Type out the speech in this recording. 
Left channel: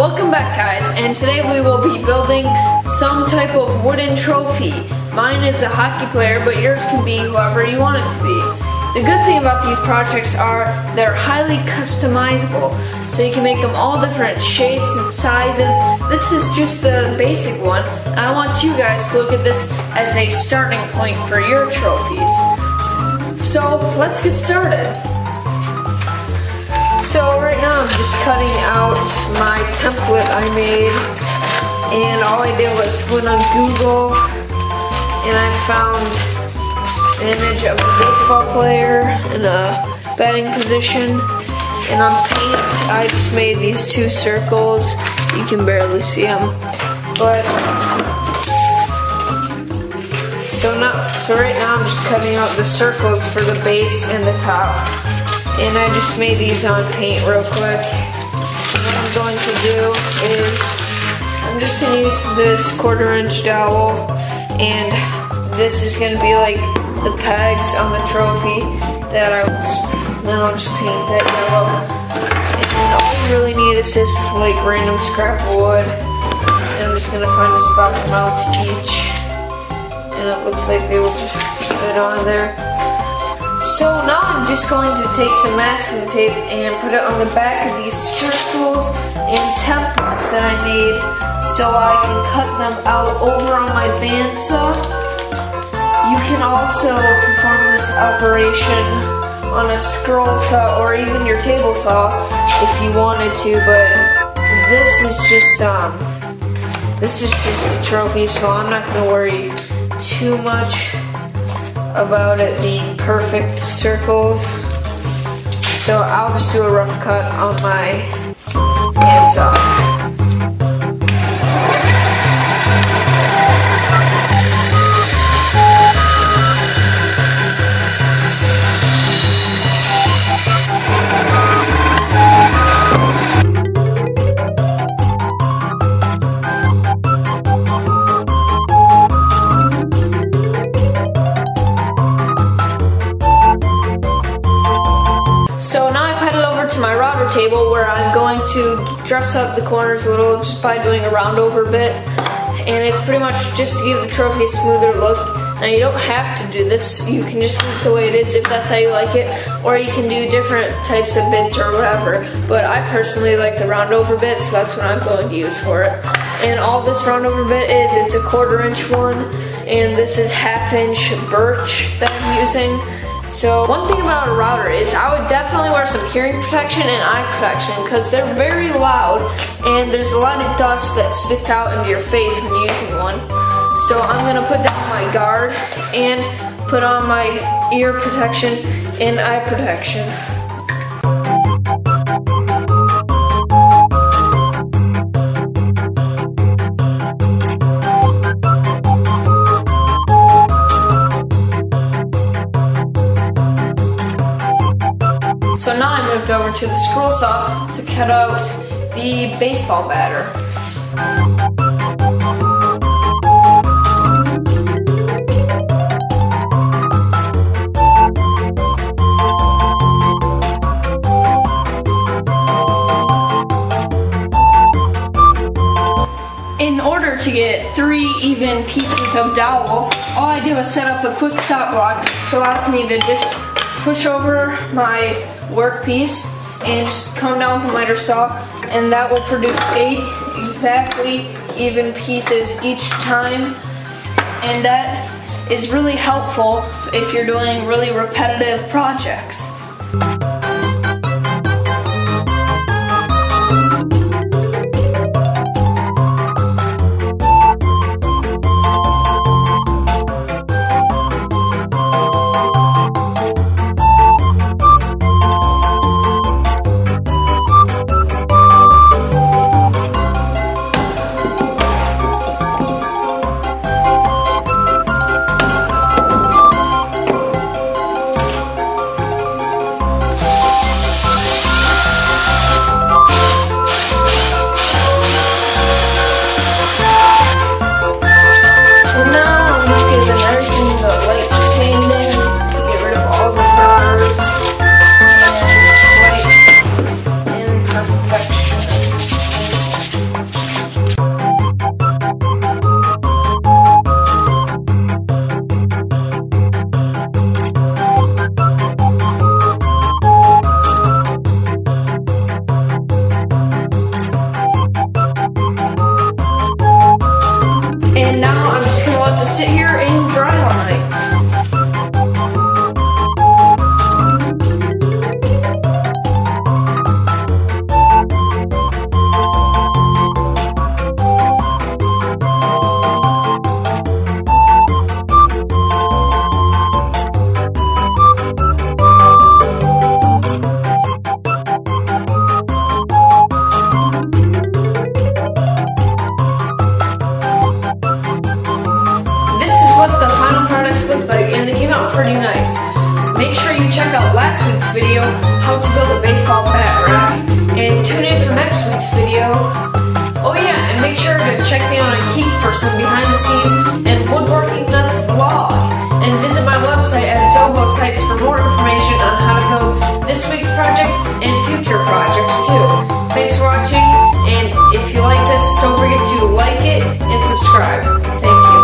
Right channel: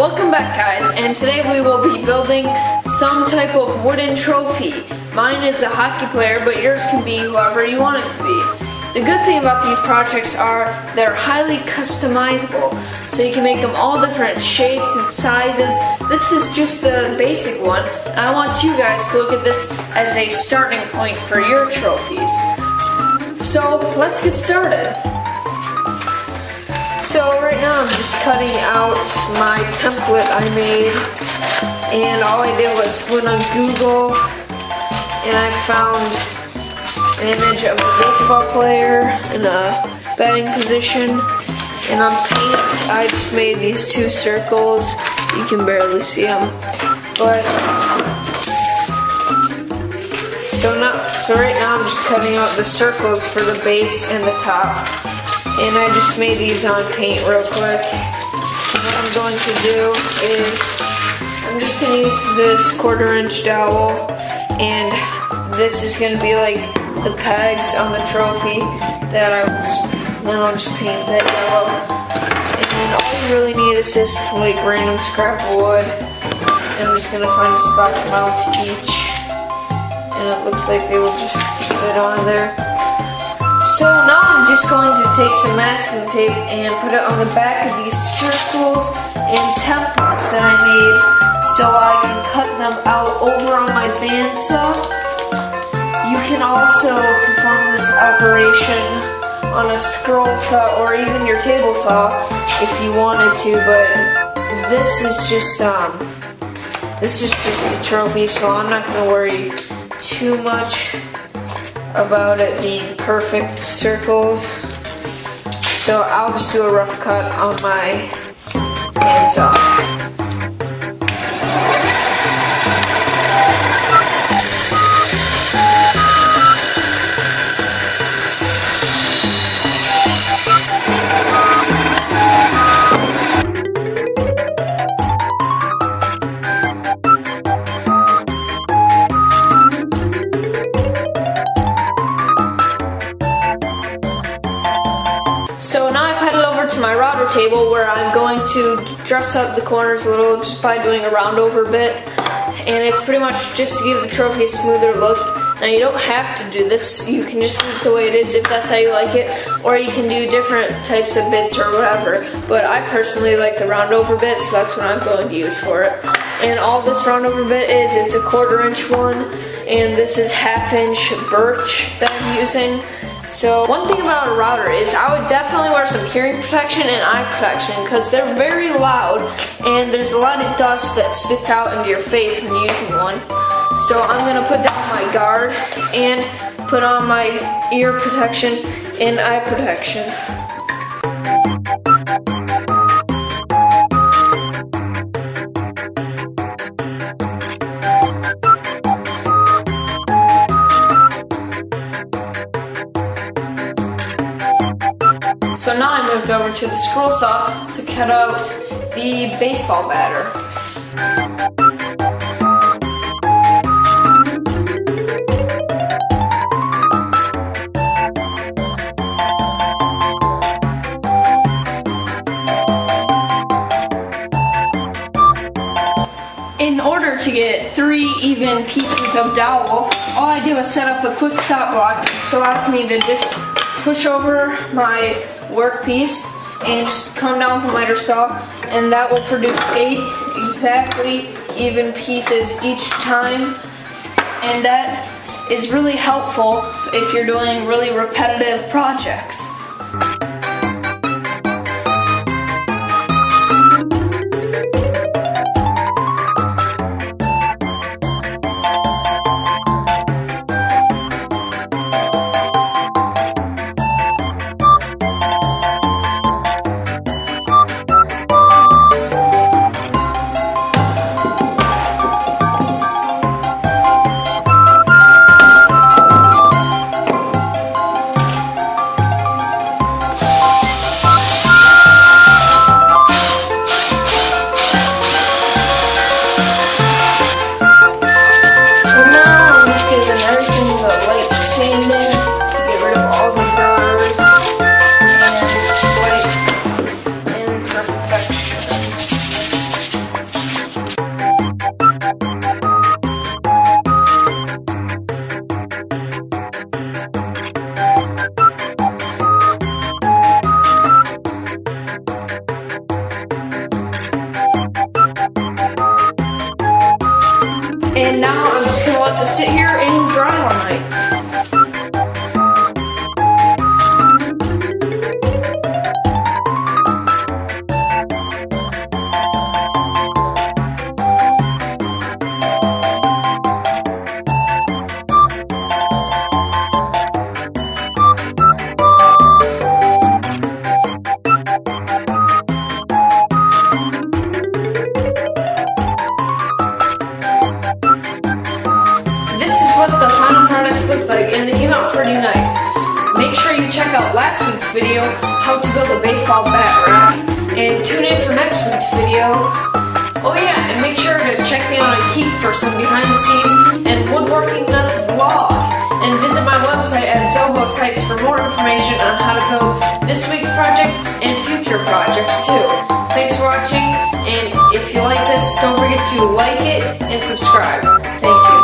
Welcome back, guys, and today we will be building some type of wooden trophy. Mine is a hockey player, but yours can be whoever you want it to be. The good thing about these projects are they're highly customizable, so you can make them all different shapes and sizes. This is just the basic one, and I want you guys to look at this as a starting point for your trophies. So let's get started. So right now I'm just cutting out my template I made, and all I did was went on Google and I found an image of a baseball player in a batting position, and on paint I just made these two circles. You can barely see them, but so right now I'm just cutting out the circles for the base and the top. And I just made these on paint real quick. And what I'm going to do is I'm just going to use this 1/4" dowel, and this is going to be like the pegs on the trophy that then I'll just paint that yellow. And all you really need is just like random scrap wood. And I'm just going to find a spot to mount each. And it looks like they will just fit on there. So now I'm just going to take some masking tape and put it on the back of these circles and templates that I made so I can cut them out over on my bandsaw. You can also perform this operation on a scroll saw or even your table saw if you wanted to, but this is just a trophy, so I'm not going to worry too much about it being perfect circles. So I'll just do a rough cut on my bandsaw. So now I've headed over to my router table where I'm going to dress up the corners a little just by doing a round over bit. And it's pretty much just to give the trophy a smoother look. Now you don't have to do this, you can just leave it the way it is if that's how you like it. Or you can do different types of bits or whatever. But I personally like the round over bit, so that's what I'm going to use for it. And all this round over bit is, it's a 1/4" one. And this is 1/2" birch that I'm using. So one thing about a router is I would definitely wear some hearing protection and eye protection because they're very loud and there's a lot of dust that spits out into your face when you're using one. So I'm going to put down my guard and put on my ear protection and eye protection. So now I moved over to the scroll saw to cut out the baseball batter. In order to get 3 even pieces of dowel, all I did was set up a quick stop block, so allows me to just push over my workpiece and just come down with a miter saw, and that will produce 8 exactly even pieces each time, and that is really helpful if you're doing really repetitive projects. And now I'm just gonna let this sit here and dry all night. This is what the final products look like, and they came out pretty nice. Make sure you check out last week's video, how to build a baseball bat rack, and tune in for next week's video. Oh yeah, and make sure to check me out on Keep for some behind the scenes and Woodworking Nuts vlog. And visit my website at Zoho Sites for more information on how to build this week's project and future projects too. Thanks for watching, and if you like this, don't forget to like it and subscribe. Thank you.